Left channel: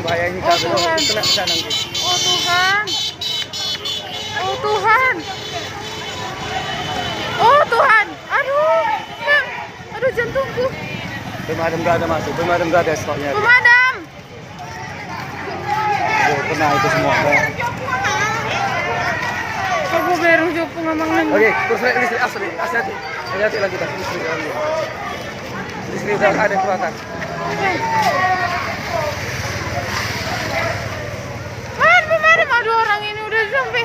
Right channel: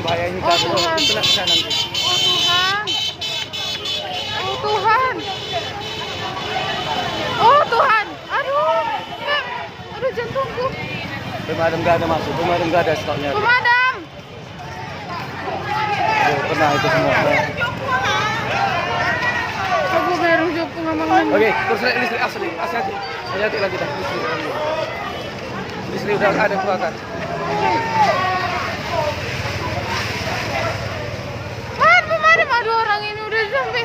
bahaya ini Oh, Tuhan. Kena bisa nanti. Oh Tuhan. Oh Tuhan. Oh Tuhan. Aduh. Kak. Aduh jantungku. Pemadam nggak ada masuk, pemadam nggak ada stoknya. Pemadam. Pernah itu semua. Aku baru jauh ngomong. Oke, terus listrik asli, hati-hati. Hati-hati lagi dah. Listrik udah ada kebakar. Pemadam. Aduh orang ini udah sampai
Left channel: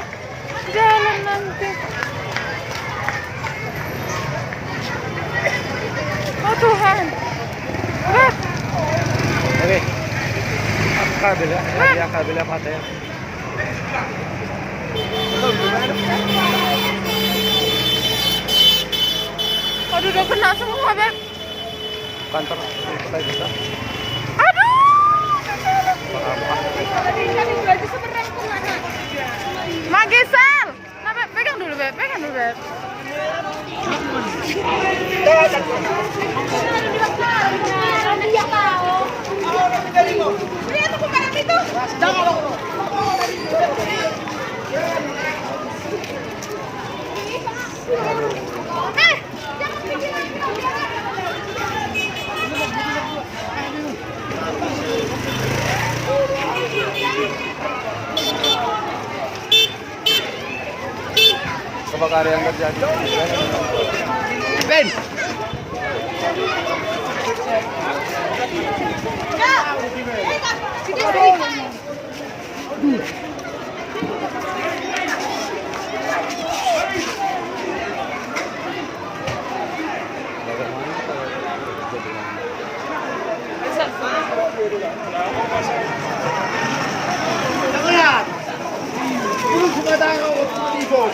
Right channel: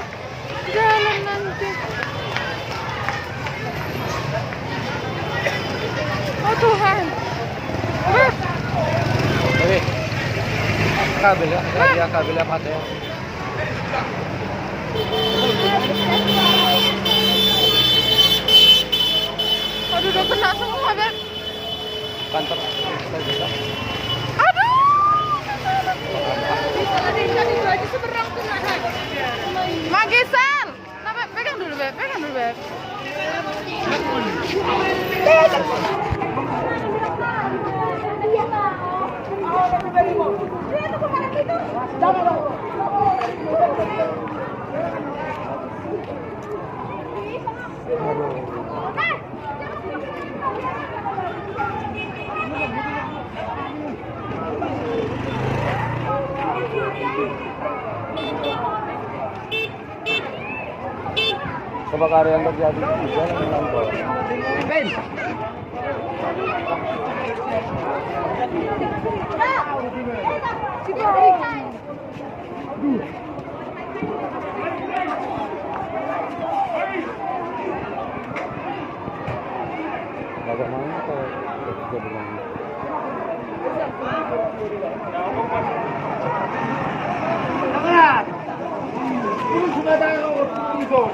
jalan nanti. Oh Tuhan. Oke. Kabel ya, dia kabel apa ya? Aduh udah kena semua, Beb. Kantor kita juga. Aduh. Magisal. Nah, Beb, pegang dulu, Beb. Pegang dulu, Beb. Lihat tuh pemadam itu. Kebakaran yang terjadi di jalan dengan Ben. Bagaimana kalau kerja dengan Lihat, ini sudah ada di bawah,